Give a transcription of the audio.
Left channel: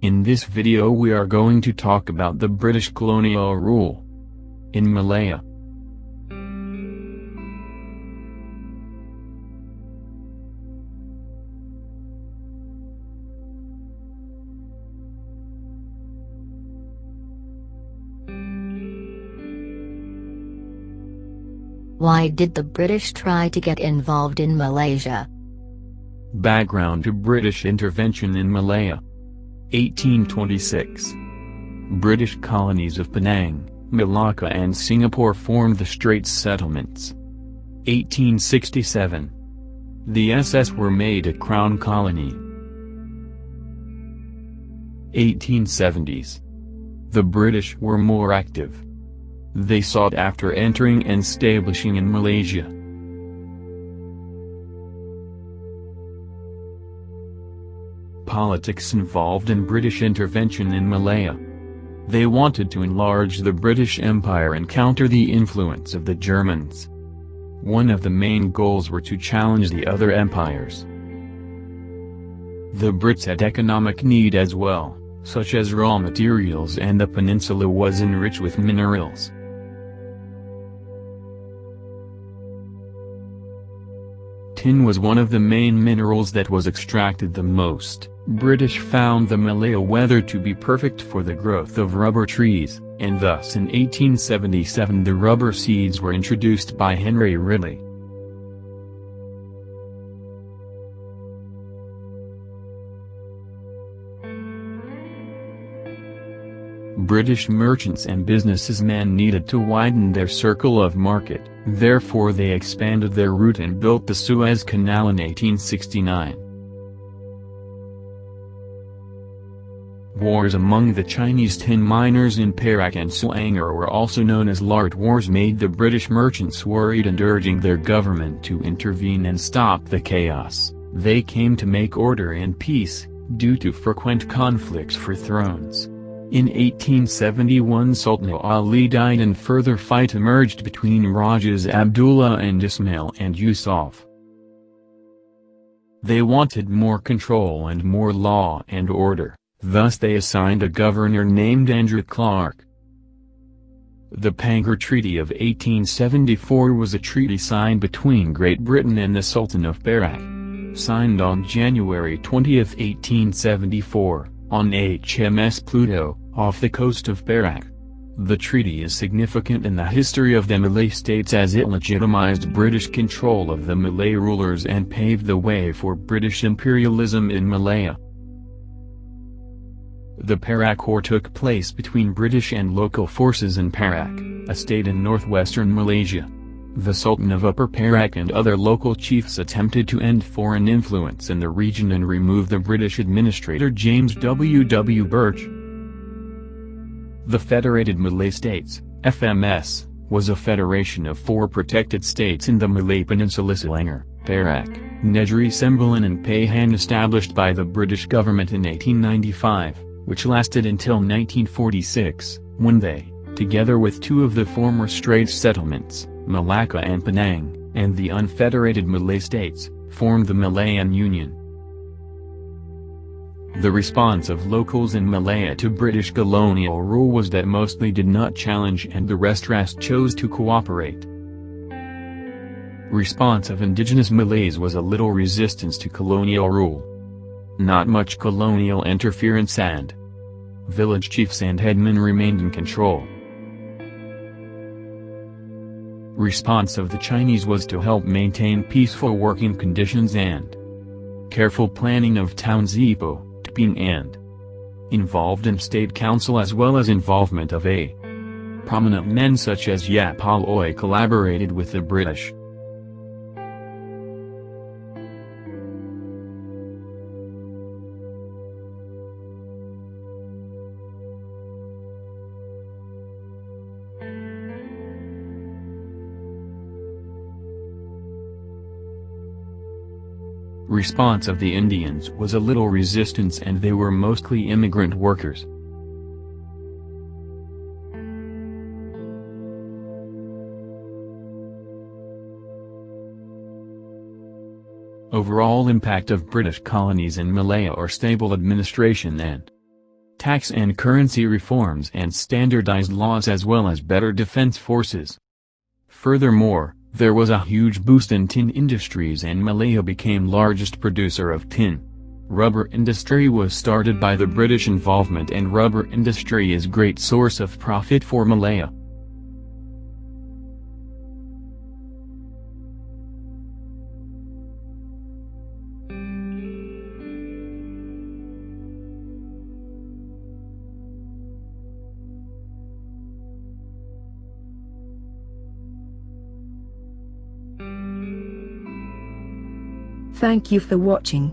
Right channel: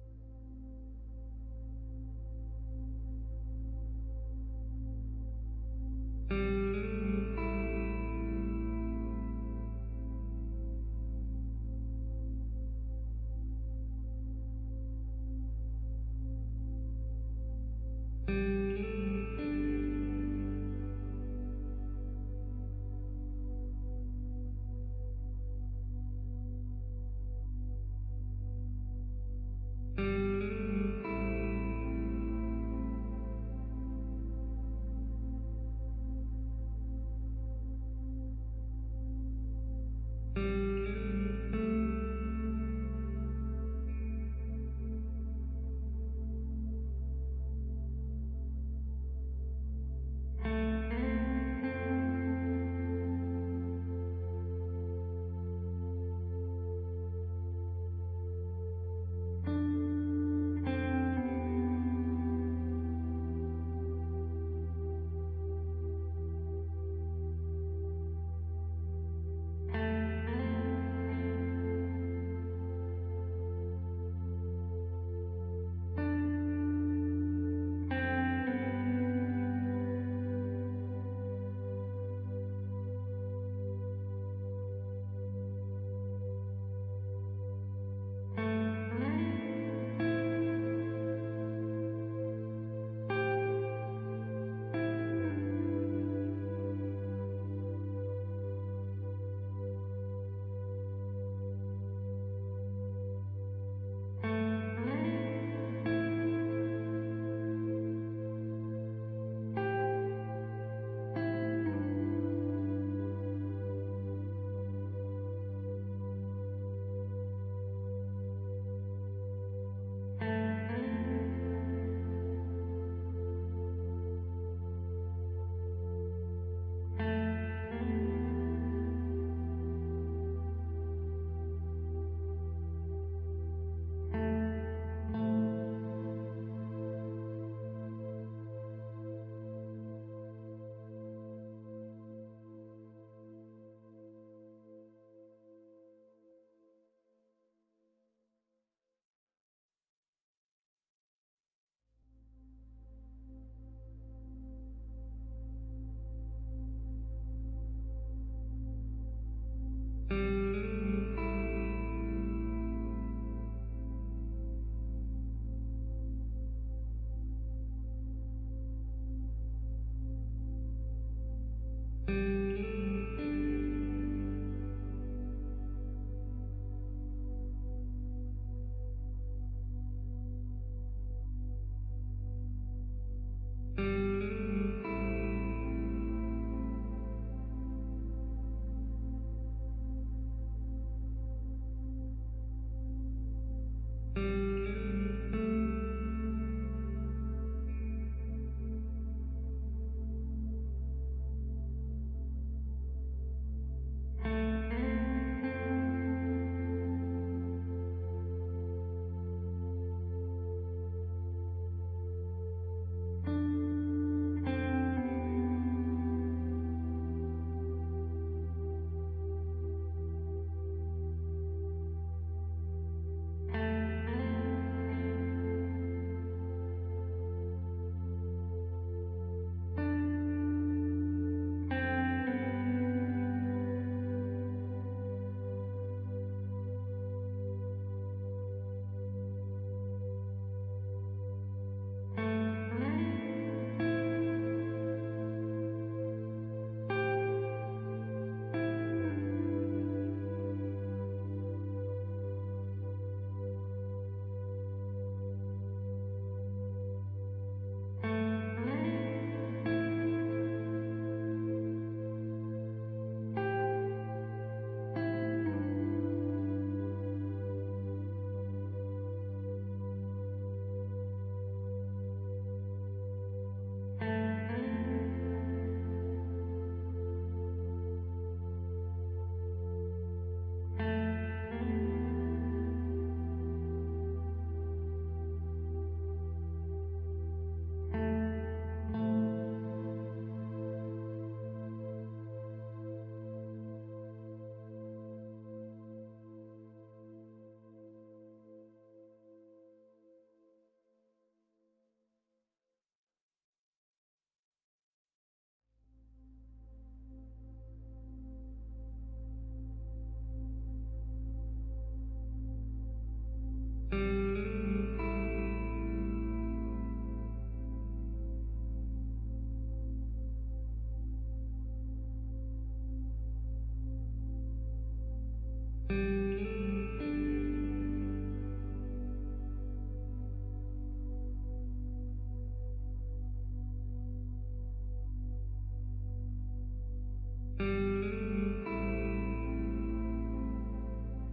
In this video we are going to talk about the British colonial rule in Malaya. Why did the British try to get involved in Malaysia? Background to British intervention in Malaya. 1826. British colonies of Penang, Malacca and Singapore formed the Straits Settlements. 1867. The SS were made a crown colony. 1870s. The British were more active. They sought after entering and establishing in Malaysia. Politics involved in British intervention in Malaya. They wanted to enlarge the British Empire and counter the influence of the Germans. One of the main goals were to challenge the other empires. The Brits had economic need as well, such as raw materials, and the peninsula was enriched with minerals. Tin was one of the main minerals that was extracted the most. British found the Malaya weather to be perfect for the growth of rubber trees, and thus in 1877 the rubber seeds were introduced by Henry Ridley. British merchants and businessmen needed to widen their circle of market, therefore they expanded their route and built the Suez Canal in 1869. Wars among the Chinese tin miners in Perak and Selangor were also known as Lart Wars, made the British merchants worried and urging their government to intervene and stop the chaos. They came to make order and peace, due to frequent conflicts for thrones. In 1871 Sultan Ali died and further fight emerged between Rajas Abdullah and Ismail and Yusuf. They wanted more control and more law and order, thus they assigned a governor named Andrew Clark. The Pangkor Treaty of 1874 was a treaty signed between Great Britain and the Sultan of Perak. Signed on January 20, 1874. On HMS Pluto, off the coast of Perak. The treaty is significant in the history of the Malay states as it legitimized British control of the Malay rulers and paved the way for British imperialism in Malaya. The Perak War took place between British and local forces in Perak, a state in northwestern Malaysia. The Sultan of Upper Perak and other local chiefs attempted to end foreign influence in the region and remove the British administrator James W. Birch. The Federated Malay States, FMS, was a federation of 4 protected states in the Malay Peninsula: Selangor, Perak, Negeri Sembilan and Pahang, established by the British government in 1895, which lasted until 1946, when they, together with 2 of the former Straits settlements, Malacca and Penang, and the unfederated Malay states, formed the Malayan Union. The response of locals in Malaya to British colonial rule was that mostly did not challenge and the rest chose to cooperate. Response of indigenous Malays was a little resistance to colonial rule. Not much colonial interference, and village chiefs and headmen remained in control. Response of the Chinese was to help maintain peaceful working conditions and careful planning of towns Ipoh, Teping and involved in state council, as well as involvement of a prominent men such as Yap Aloy collaborated with the British. Response of the Indians was a little resistance, and they were mostly immigrant workers. Overall impact of British colonies in Malaya are stable administration and tax and currency reforms and standardized laws as well as better defense forces. Furthermore, there was a huge boost in tin industries and Malaya became largest producer of tin. Rubber industry was started by the British involvement and rubber industry is great source of profit for Malaya. Thank you for watching.